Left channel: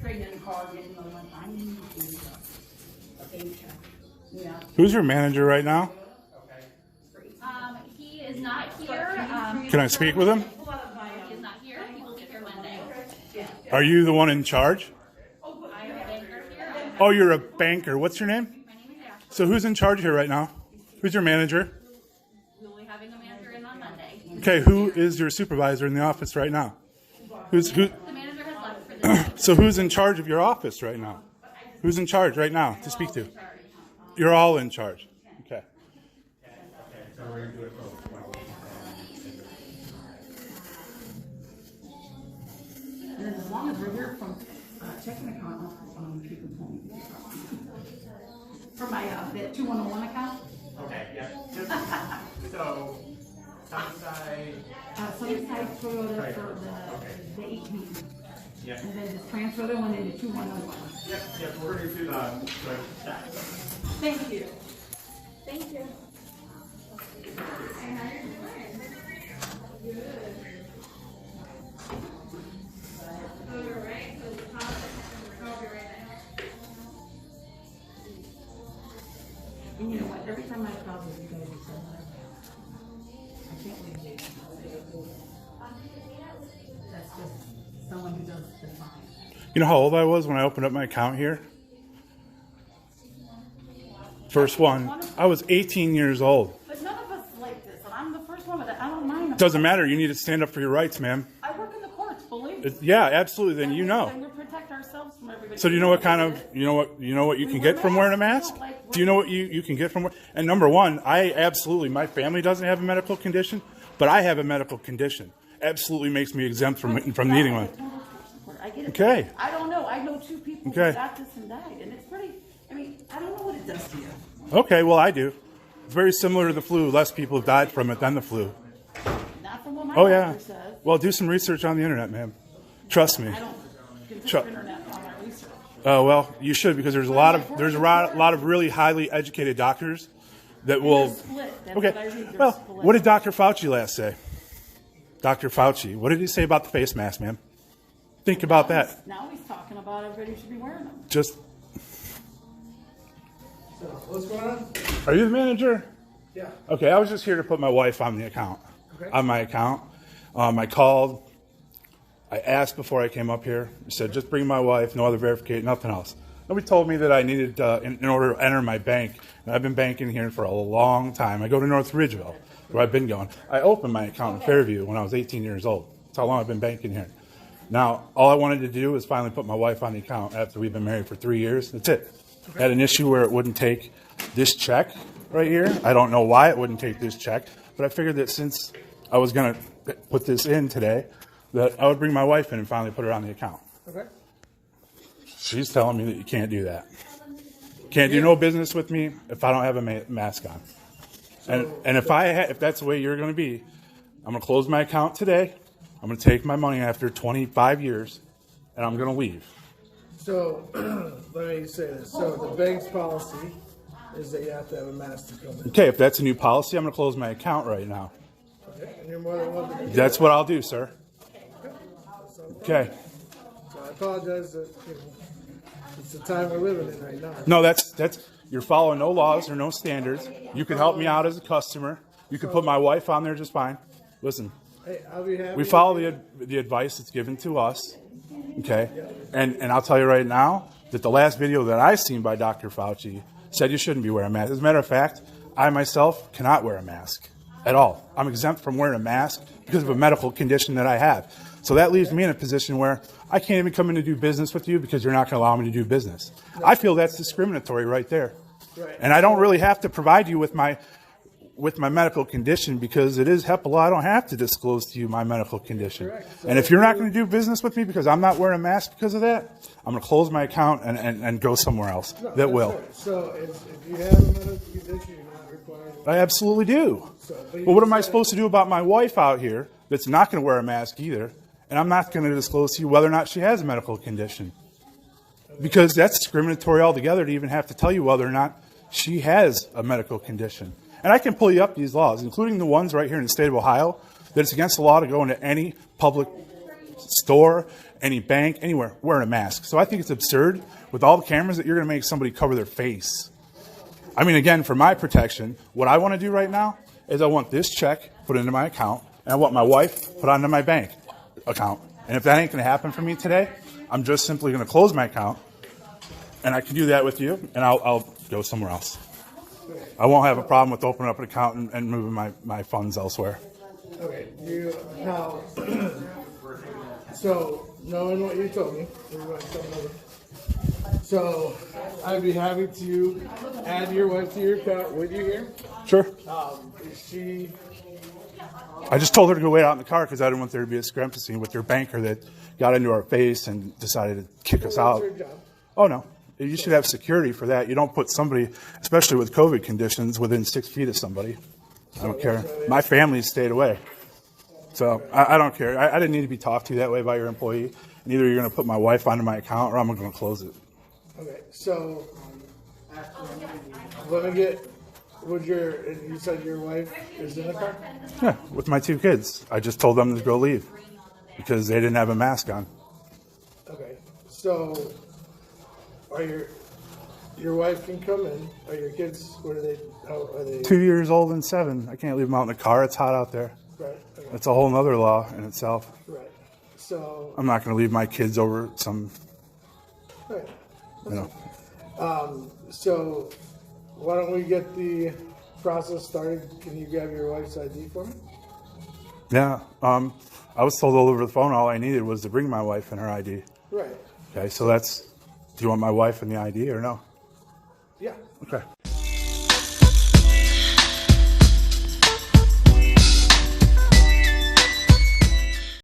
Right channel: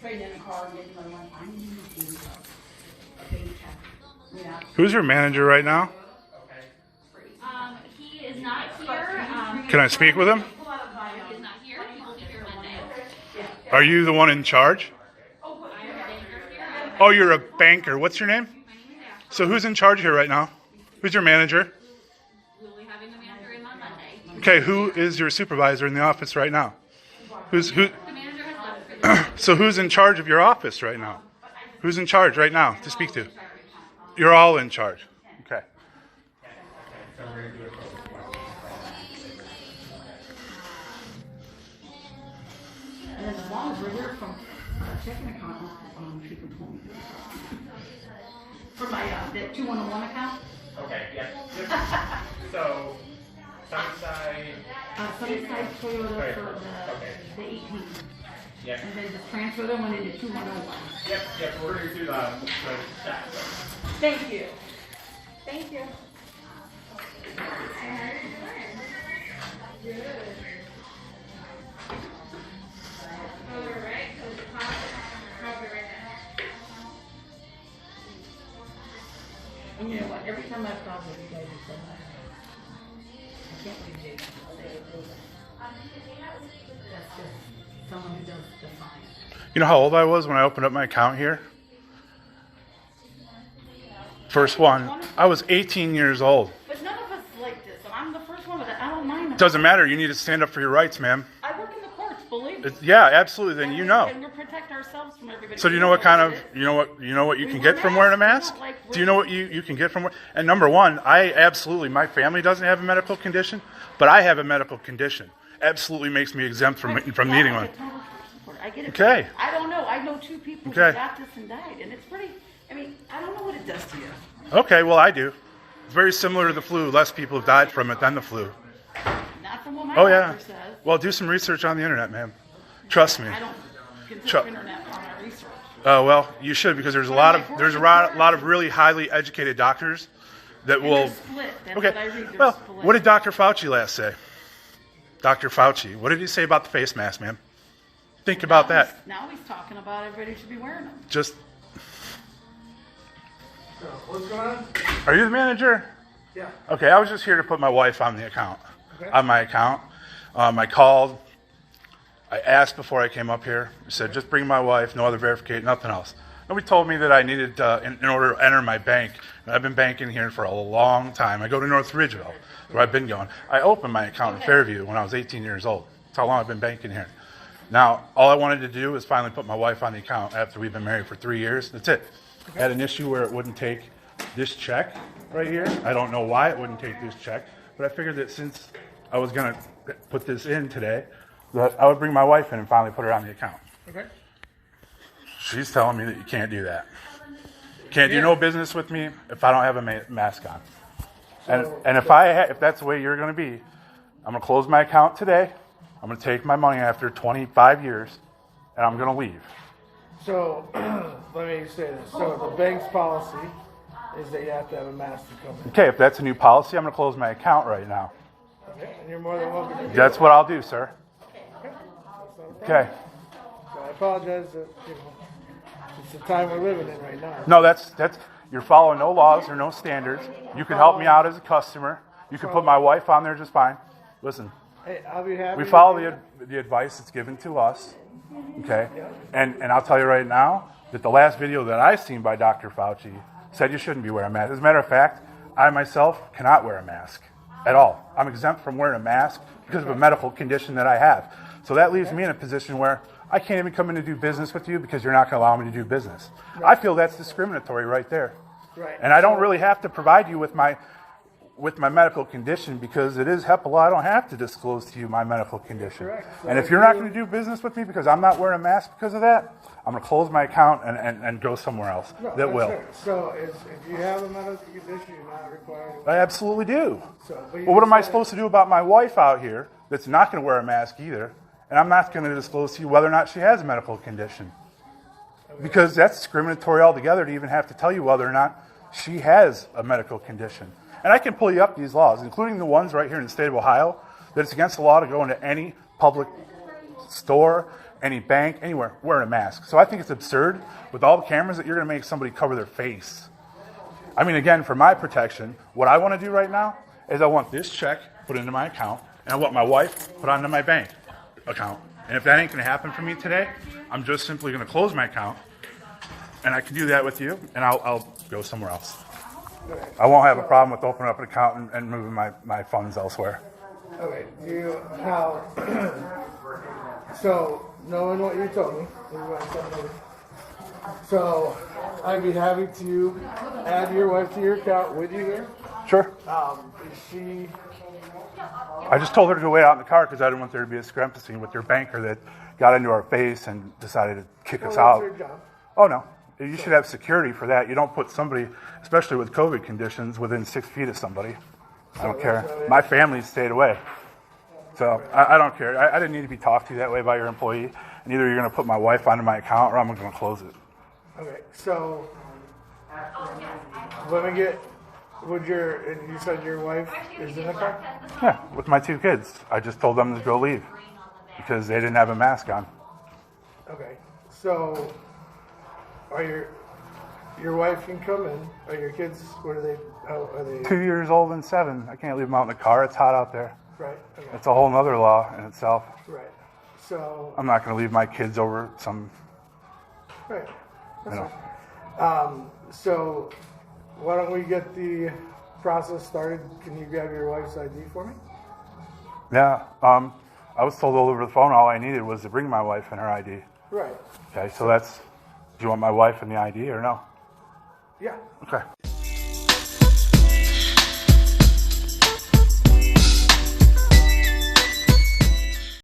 trading in a car and getting another one. I need to do a big check. Yeah. Who's your manager right now? He is not here. Can I speak with him? He is not here. He will be here Monday. Are you the one in charge? I am a banker here. Oh, you're a banker. What's your name? My name is Ashley. So who's in charge here right now? Who's your manager? We will be having the manager in on Monday. Okay, who is your supervisor in the office right now? Who? The manager has left for the day. So who's in charge of your office right now? Who's in charge right now to speak to? You're all in charge. Okay. And then as long as we're here from checking account, she can pull me. For my that 2101 account. Okay, yeah. So, Sunnyside, Sunnyside Toyota Right. for Okay. the 18. yeah. And then just transfer that one into 2101. Yep, we're going to do the stack. Thank you. Thank you. And you know what? Every time I've called you guys have said, I can't believe Jason will say it. That's just someone who does defiant. You know how old I was when I opened up my account here? First one. I was 18 years old. But none of us like this, and I'm the first one, but I don't mind. Doesn't matter. You need to stand up for your rights, ma'am. I work in the courts, believe me. Yeah, absolutely. Then you know. And we protect ourselves from everybody. So do you know what kind of you know what you can get from wearing a mask? Do you know what you can get from wearing? And number one, I absolutely, my family doesn't have a medical condition, but I have a medical condition. Absolutely makes me exempt from needing one. I get it. Okay. I don't know. I know two people Okay. who got this and died, and it's pretty. I mean, I don't know what it does to you. Okay, well I do. It's very similar to the flu. Less people have died from it than the flu. Not from what my Oh yeah. doctor says. Well, do some research on the internet, ma'am. Trust me. I don't consider Chuck. internet on my research. Well, you should because there's a lot of really highly educated doctors that will. They're split. That's Okay. what I read. They're Well, split. what did Dr. Fauci last say? Dr. Fauci, what did he say about the face mask, ma'am? Think about that. Now he's talking about everybody should be wearing them. Just, So, what's going on? are you the manager? Yeah. Okay, I was just here to put my wife on the account, Okay. on my account. I called. I asked before I came up here. I said, just bring my wife, no other verification, nothing else. Nobody told me that I needed, in order to enter my bank, and I've been banking here for a long time. I go to North Ridgeville, where I've been going. I opened my account in Fairview when I was 18 years old. That's how long I've been banking here. Now, all I wanted to do was finally put my wife on the account after we've been married for 3 years. That's it. I had an issue where it wouldn't take this check right here. I don't know why it wouldn't take this check, but I figured that since I was going to put this in today, that I would bring my wife in and finally put her on the account. Okay. She's telling me that you can't do that. Can't do no business with me if I don't have a mask on. And if that's the way you're going to be, I'm going to close my account today. I'm going to take my money after 25 years, and I'm going to leave. So, let me say this. So, the bank's policy is that you have to have a mask to come in. Okay, if that's a new policy, I'm going to close my account right now. Okay. And you're more than welcome to do That's what I'll do, sir. Okay. So, I apologize that, it's the time we're living in right now. No, that's you're following no laws or no standards. You can help me out as a customer. You can put my wife on there just fine. Listen, Hey, I'll be happy. we follow the advice that's given to us. Okay? And I'll tell you right now that the last video that I seen by Dr. Fauci said you shouldn't be wearing a mask. As a matter of fact, I myself cannot wear a mask at all. I'm exempt from wearing a mask because of a medical condition that I have. So that leaves me in a position where I can't even come in to do business with you because you're not going to allow me to do business. I feel that's discriminatory right there. Right. And I don't really have to provide you with my medical condition because it is HIPPA law. I don't have to disclose to you my medical condition. Correct. So and if you're not going to do business with me because I'm not wearing a mask because of that, I'm going to close my account and go somewhere else No, that that's will. right. So, if you have a medical condition, you're not required. I absolutely do. So, but you Well, what am I decided- supposed to do about my wife out here that's not going to wear a mask either? And I'm not going to disclose to you whether or not she has a medical condition. Because that's discriminatory altogether to even have to tell you whether or not she has a medical condition. And I can pull you up these laws, including the ones right here in the state of Ohio, that it's against the law to go into any public store, any bank, anywhere, wearing a mask. So I think it's absurd with all the cameras that you're going to make somebody cover their face. I mean, again, for my protection, what I want to do right now is I want this check put into my account, and I want my wife put onto my bank account. And if that ain't going to happen for me today, I'm just simply going to close my account, and I can do that with you, and I'll go somewhere else. I won't have a problem with opening up an account and moving my funds elsewhere. Okay, how, so knowing what you told me, we went something over. So I'd be happy to add your wife to your account with you here. Sure. Is she, I just told her to go wait out in the car because I didn't want there to be a discrepancy with your banker that got into our face and decided to kick us well, out. that's her job. Oh, no. You should have security for that. You don't put somebody, especially with COVID conditions, within 6 feet of somebody. I don't care. My family stayed away. So I don't care. I didn't need to be talked to that way by your employee. And either you're going to put my wife onto my account or I'm going to close it. Okay, so let me get, and you said your wife is in the car? Yeah, with my 2 kids. I just told them to go leave because they didn't have a mask on. Okay, so are your wife can come in, are your kids, what are they, how are they? 2 years old and 7. I can't leave them out in the car. It's hot out there. Right, okay, It's a whole nother law in itself. right, so, I'm not going to leave my kids over some, right. you know. So why don't we get the process started? Can you grab your wife's ID for me? Yeah. I was told over the phone all I needed was to bring my wife and her ID. Right, Okay, so do you want my wife and the ID or no? yeah. Okay.